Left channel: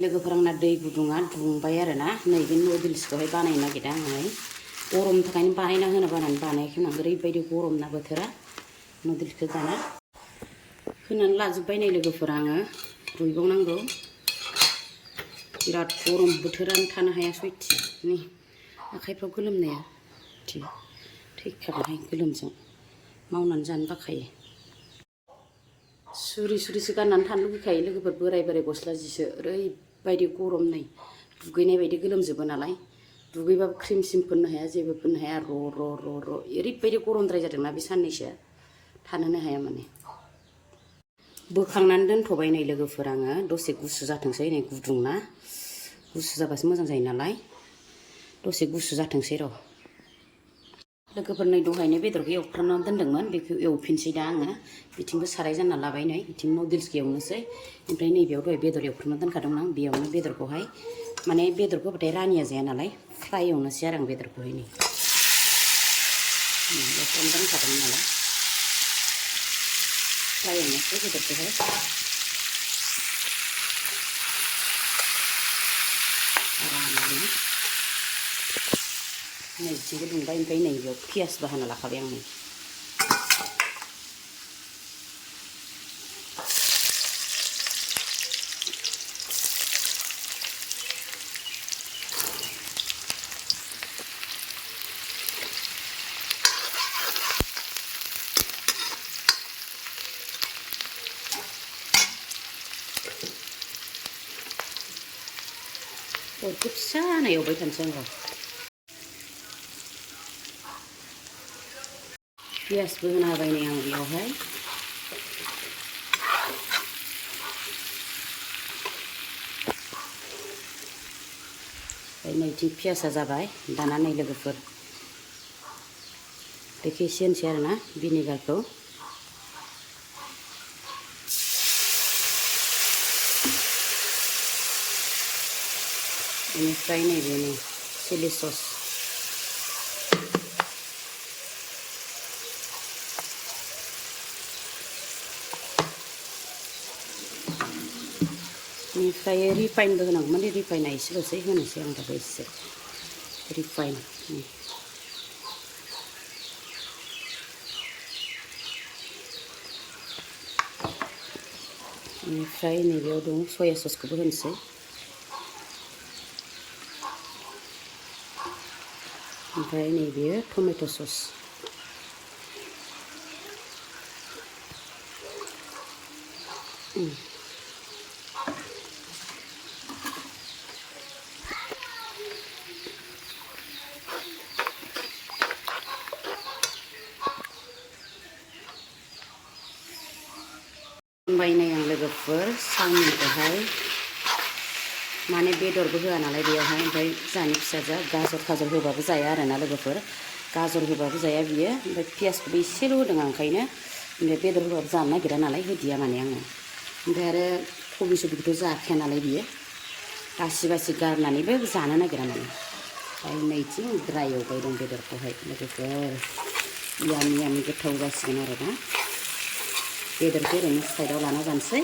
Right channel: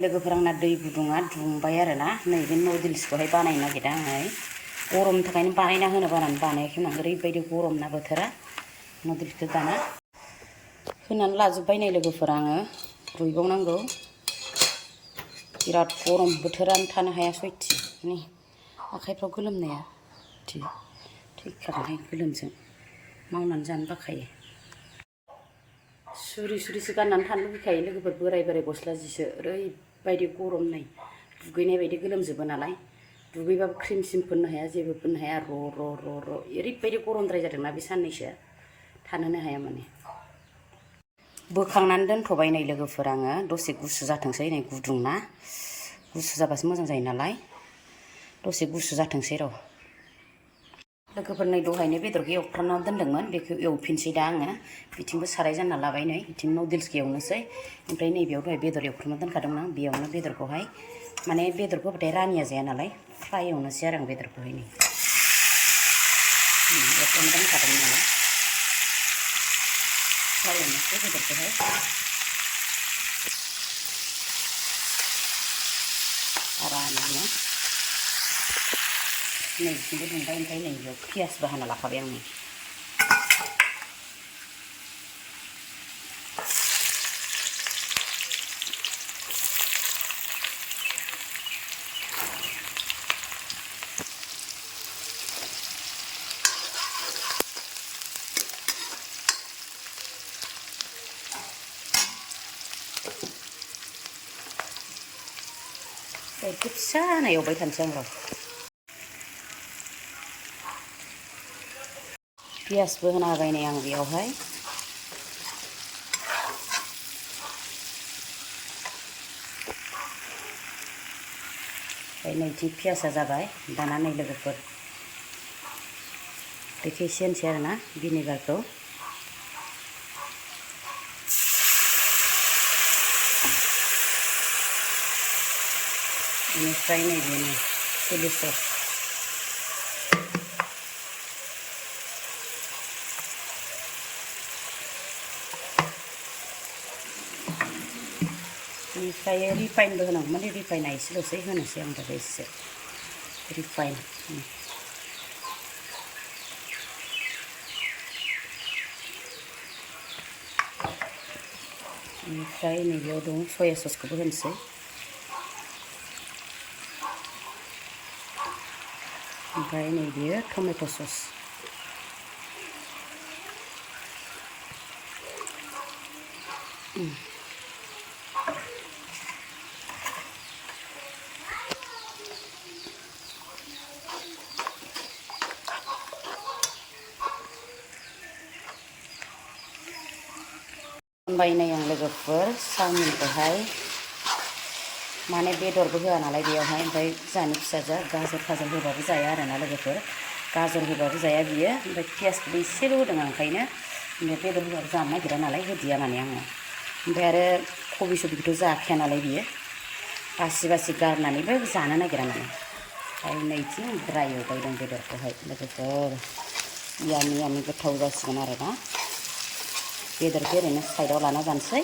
लोगोफोर आंना दै गुदुङा दुंबाय आरोना नैबे नुडल्सखौहाय बानायनो नागिरदों आङो गरमनि थाखायनो बानायना होनो बानानै बानायाखैमोन आं ओरैबायदि गरम ना बोथोरा नुडल्सखौ दाना होनानै लाजोब्बाय नै लोगोफोर आङो रुइबावनांगौ बिराद गरम बोथोरानो थानो हाया सयथि नै आखाइफ्राव गोलोमनाया थैखागोनहाय गोलोमजों मावनानै जानो बाखायो सुरि सुरिसो गाननानै थानो लुगैखायो लोगोफोर बोराय बोराय गस्ला जिसो ओरैबायदि गरम नै दुगैनाय बायदि गोलोमजोबो नालाय दुगैबाबो क्रिम सिम फोननो हाया जेबो फोननो हाया र' ओरैबायदि गरमद्राय जादोंना बे साननैसोआ थानोनो हाया माने बोखांनानै दोनथ'बाय नै लोगोफोर आङो दसे गुसु जाथोंसै नै गुदुं ना गुसु जाबासो मोजां जायो नालाय दसे गुसु जाथोंसै र' लोगोफोर नै दहायनो बेदरखौ एवफ्रामनानै दोन्दोंमोन बेखौ एवफिनसै दा आङो बिथिंबो साराय जानना लाबाय नै बिथिं नुडल्सखौ एवनोसै ओमफ्राय नैबेयाव दहाय बेदर एवफ्रामना दोनखादोंमोन आं बेयावनो बेदरखौहाय माने बेदरखौ होबाथाय रानिया जाया नालाय फ्राय एवनोसै आरो आं बेदरखौहाय नै एवफ्रामना दोनखादोंमोन नालाय फ्राय एवनोसै बेदरखौहाय आरामनो नैथिंबो दुंबाय ओमफ्राय नैबेयाव पियासबो हाना लाखाबाय आं नै अरखौ फिसा होना एवबाय थानोसै आं र' पियासबो होना होबाय नै आं बेयावहाय ओमफ्राय नैथिं पियासा जाबाय दाना नै लोगोफोर बेखौ एसे होनसै आरोना भिनेगारखौ बेनिफ्राय नैबेनो चिलि सस बेनिफ्राय रिफाइनबो होनांगौमोन रिफाइना एसेल'सै होनोसै आं दाबो एसे रिफाइन बेनिफ्राय नैबेयाव दं सया ससखौबो होनोसै ओमफ्राय नैबेयो टमेट' सस होनबाय नै आं लोगोफोर चावमिनखौहाय माने बेदरबो होआ नालाय बेयावहाय ओमफ्राय जानि फिसाजोआ गाजर खाजर होबाबो जाया आरोना लोगोफोर गाजर होबाबो जाया बियो ओमफ्राय पियासखौबो एसेल' होदों आं ओंखायनो ओमफ्राय बेदर होबाबो जानो नागिरा नालाय होदिया माने आङो ओमफ्राय आरो कबि सबिखौथ' जाखाया नालाय बियो बासि बासि गारनानैबो जानो नागिरा माने ओमफ्राय नैथिं ड्राय एवबाय दं बेदरखौहाय लोगोफोर यामि गोथाव जासिगोन आरोना बेदरखौ ओरैनो साइडआव लाना जानोसै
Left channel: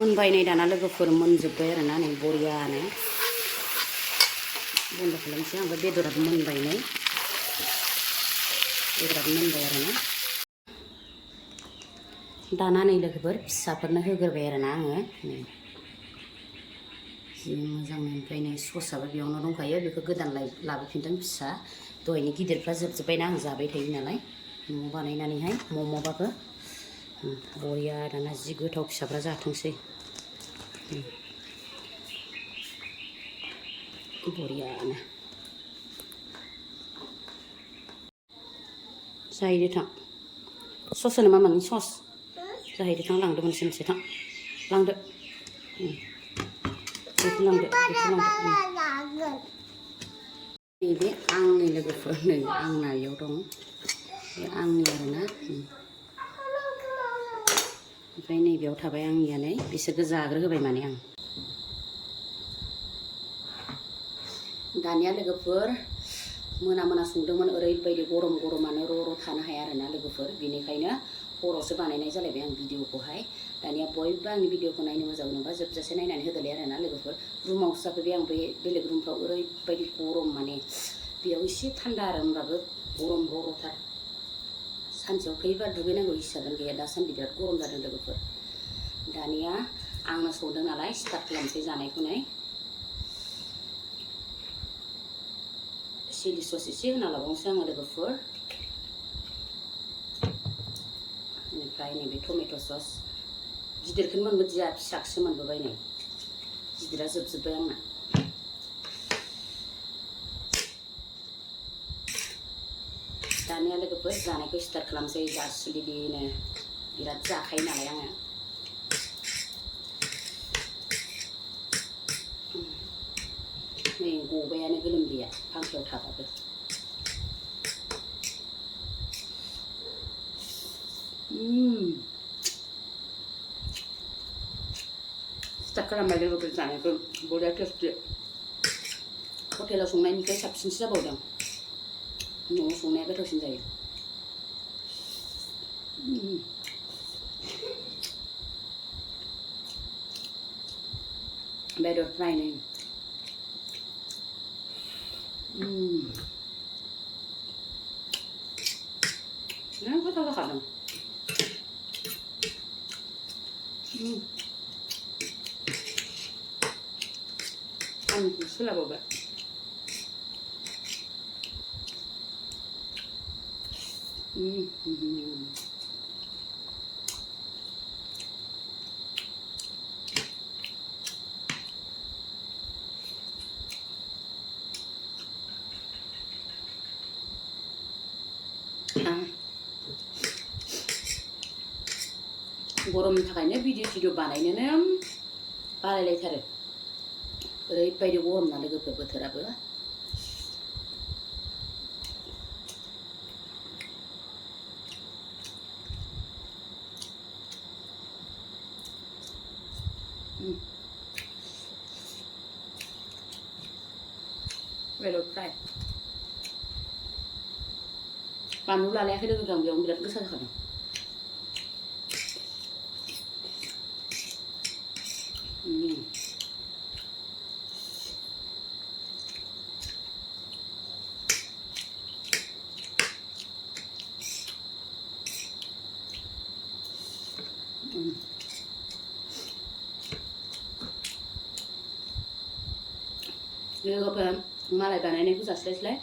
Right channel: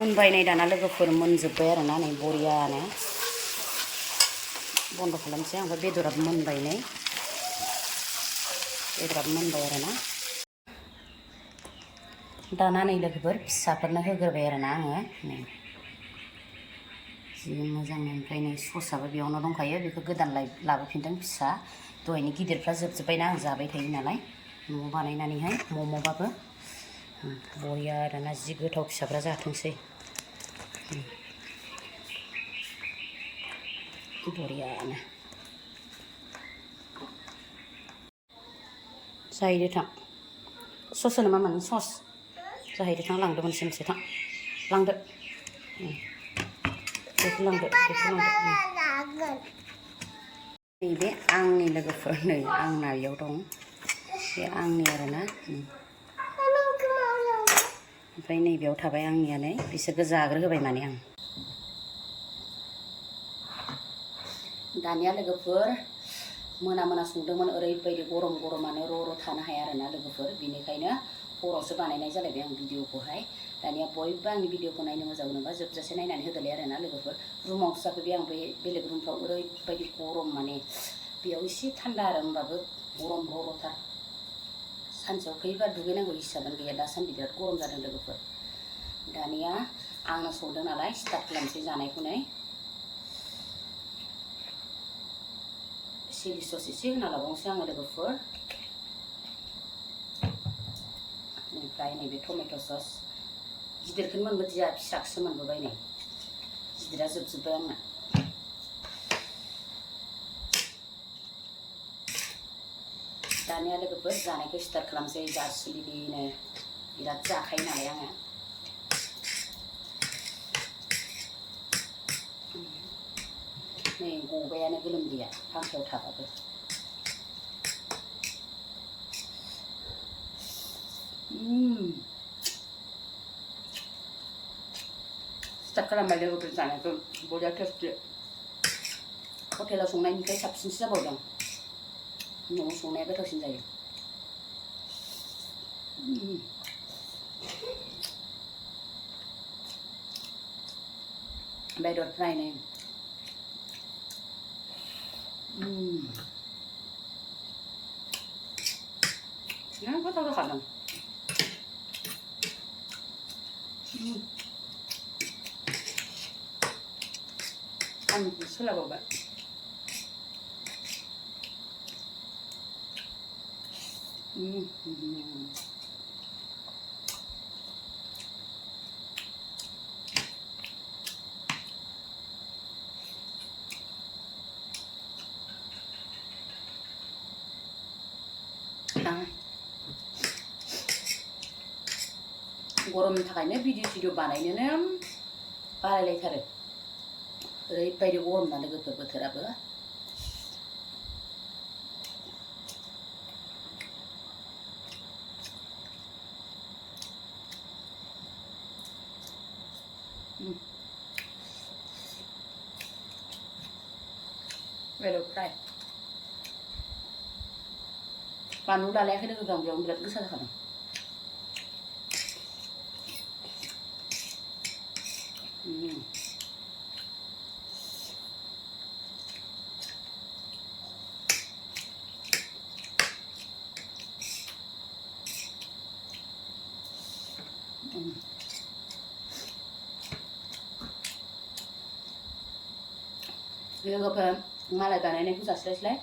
मोनबाय नै दाना लोगोफोर मोनजोब्बाय आरोना नै बरियानो बन्द' खालामसै आं ओमफ्राय बेदराबो मोनबाय नै बेदराबो मोनबाय आरोना दाना नै लोगोफोर फिसाफोरनो होग्रोबाय आरोना आङो नै जि मोजां ओमफ्राय नै ससआबो बेयावनो दंखायो बेखौ गोदान लाबोफिनदों फिसा दहायनि गिदिरफ्रा जोबजोब्बायना आं जाबाय थायो नालाय न'आव बानायनानैहाय मम'बाबो बरिया दाना जि गोथाव फिसाफ्रा जाथोंसै बरियानो जाहैदो थां सस होनो मा माने सस जाहैदो थां लांदो मोनसे थां लांदो बेखौ लांदो नैबे आंनि लोगोफोर नै आंना बेयाव दं बे आंनि आरोना ओमफ्राय नैबेयाव थाबाय आंनिया नै बिसोरखौ जाग्रो होबाय माने आं दानिया लोगोफोर मोना संदोंमोन ओरैबायदि गरम गरमानो र' थानो हाया आरोना लोगोफोर बेनिखायनो हरावसो बानायनाय जालायबाय आं भिडिअखौहाय दानिया बयबो आंनि भिडिअखौ नायनो मोजां मोनोबा जोबजासे नायनानै होदोलाय आरोना लोगोफोर रुमावसो जाफैबाय आं बे बेलेग रुमफ्राव ओरैबायदि गरम माने बेयाव एसे थान्दा आरो होमबाबो गरम र'थार सानसेयाव खैबार दुगैनांगौ हिसाबानो गैया दासान्दि बिराद गरम जादों लोगोफोर दानिया आंनो संदों नालाय स्टार्ट खालामसै जानायखौनो चिलि सस एसे होना लाबावनोसै आङो लोगोफोर बेनिफ्राय नैबे टमेट' सस गिदिरखौनो मोनबोदिया फिसाखौसो मोनबोबाय नै गिदिरा जोबजोब्बाय आंना दानिया लोगोफोर जानायखौ स्टार्ट खालामसै जासुलिनो बिराद जाखायो नालाय आङो नै गबायानो गोलोमदैया फांखायाव थाबाबो स्टार्ट खालामबाय लोगोफोर जानायखौ बरिया टेस्टि हटेलाव संनायनिफ्राय साबसिनसो जाबावदों न'आव संनाया गोथावसिन जायो बेदर फ्राय नै गोथाव जाखादों आंखौ सोलाबावबाय गरमनि थाखायनो भिडिअ बानायनोनो बालायलायथारो ओरैबायदि गरम ना लोगोफोर बोथोराबो बेदर फ्राय बानलु लालायाखै लोगोफोर आं बेयावनो बिराद गोसा जाखादों लोगोफोर मालाय बानायनायखौ जास्लायस्लाय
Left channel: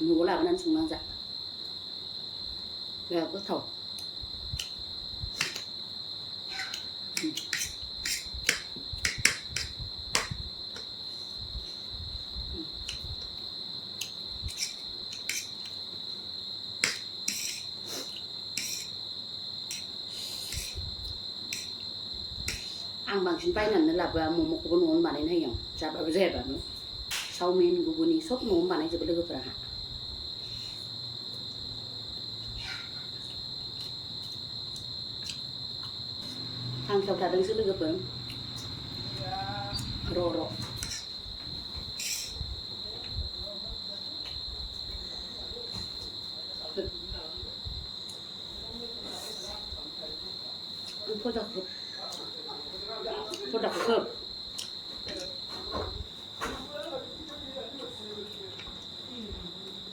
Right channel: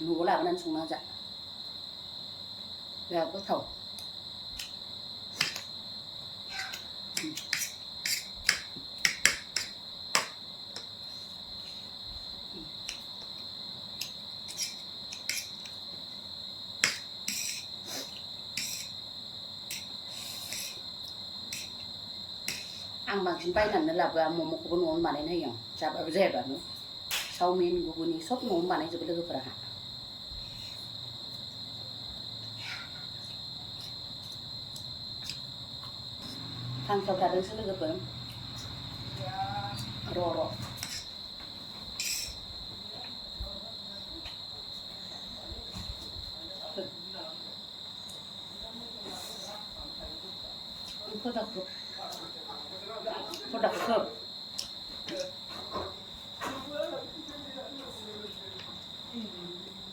न'आव लाबोनानै संना जा बिराद गोथाव आं बांसिन बायनानै लाबोआ मम'खौबो न'आवनो बानायनो होयो आं जाबाबो जायाबाबो चावमिन गुगुनि सब न'आवनो बानायजोबो लोगोफोरा फांखायाव थादोंसो लोगोफोर र' फदाखौ खोब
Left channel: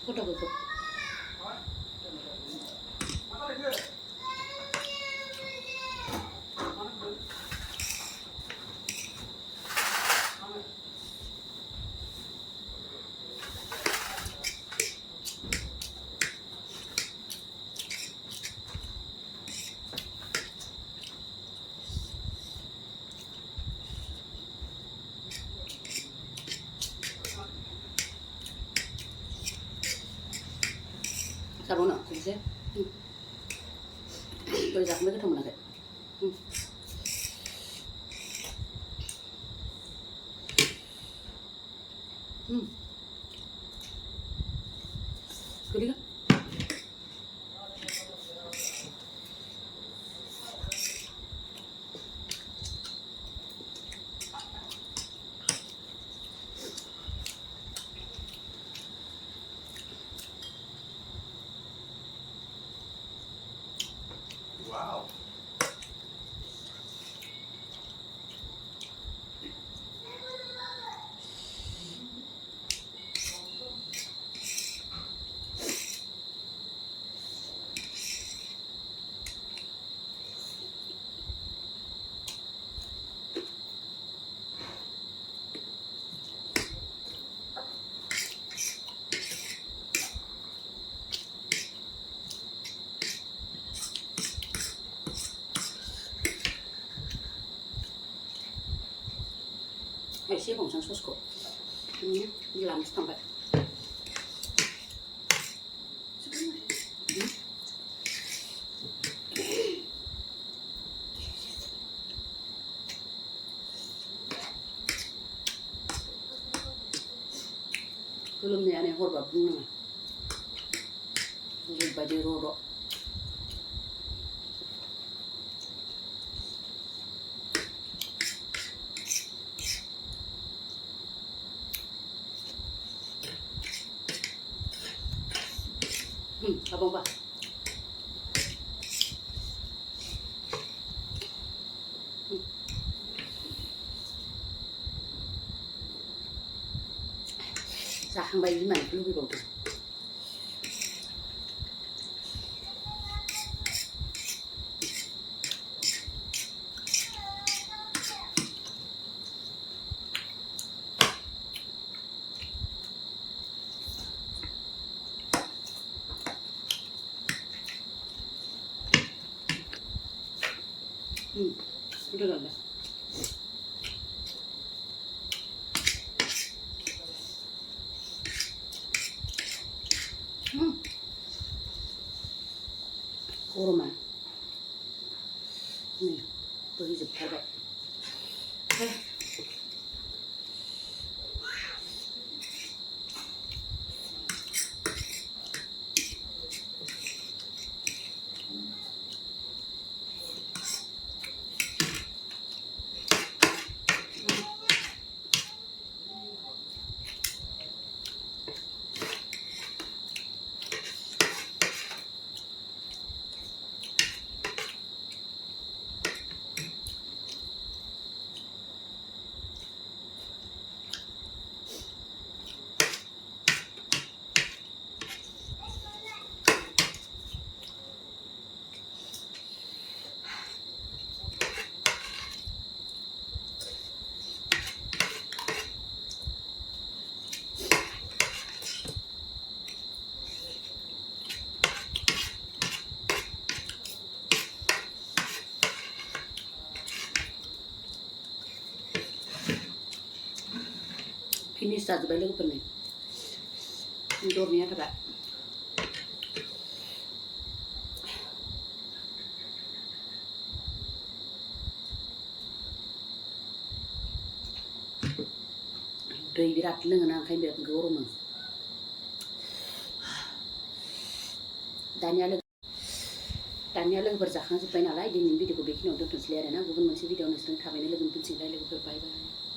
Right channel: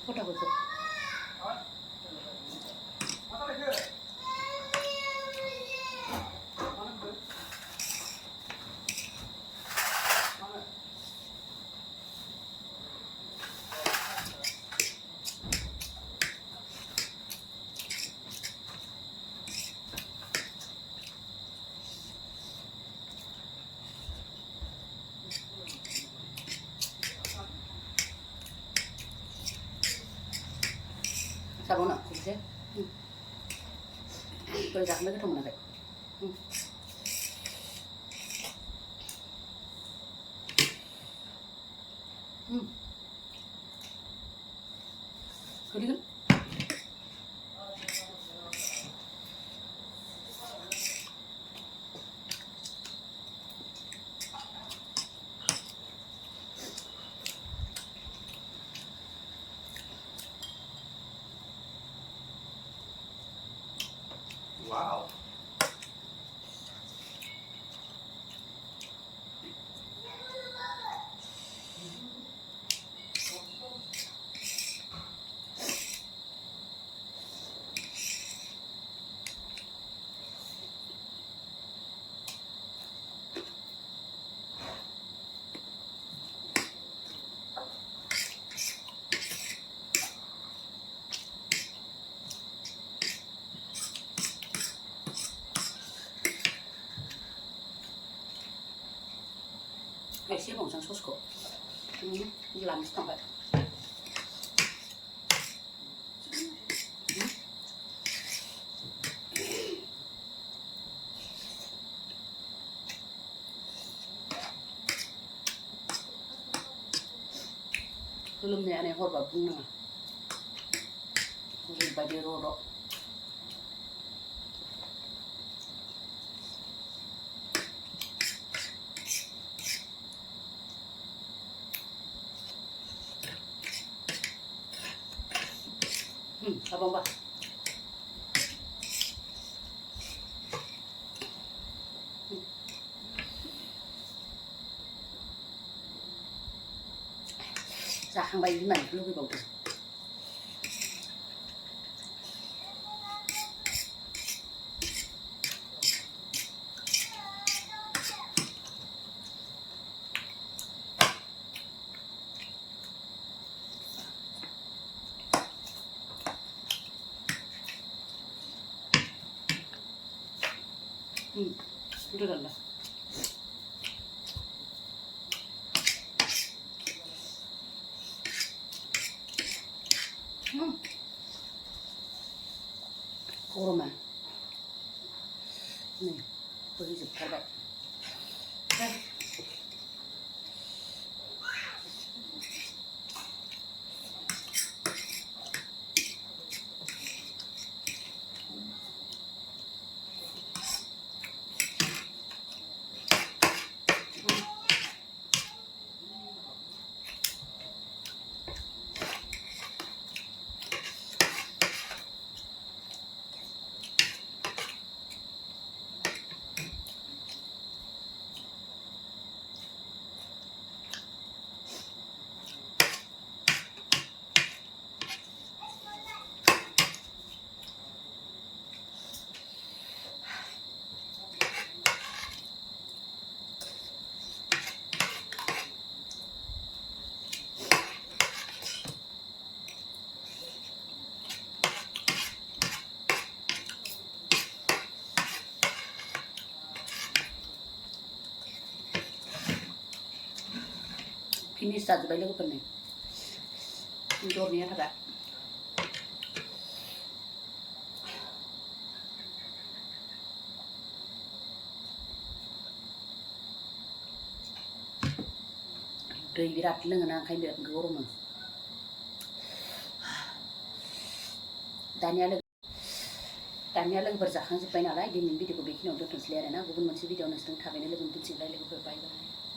फदाखौ खोब जाबावनो खनसे दहाय जाखांबाय गोथाव मोनाखै गोदैगोन एसे रंसां ससखौ लामसो थांबाय लोमनायानो हरबा बुंनाङा ओरैबायदि र' abang जाखांबाय बिमानिखौ लुबैबावदों udah dah kurma nih bohojोबथारबाय finish जाजोब्बाय लोगोफोरनि बेदरनिया थाबाय दै बिराद लोङोना ओंखायनो बिराद गरमो दानिया लोगोफोर जाखांजोब्बाय नालाय दिनैनि भिडिअखौ बेखिनियाव दोनथ'नोसैलाय आरोना गुबुन मोनसे भिडिअ नोंसोरजों थाबैनो लोगो मोनफिनसिगोनलाय लोगोफोर बाय बाय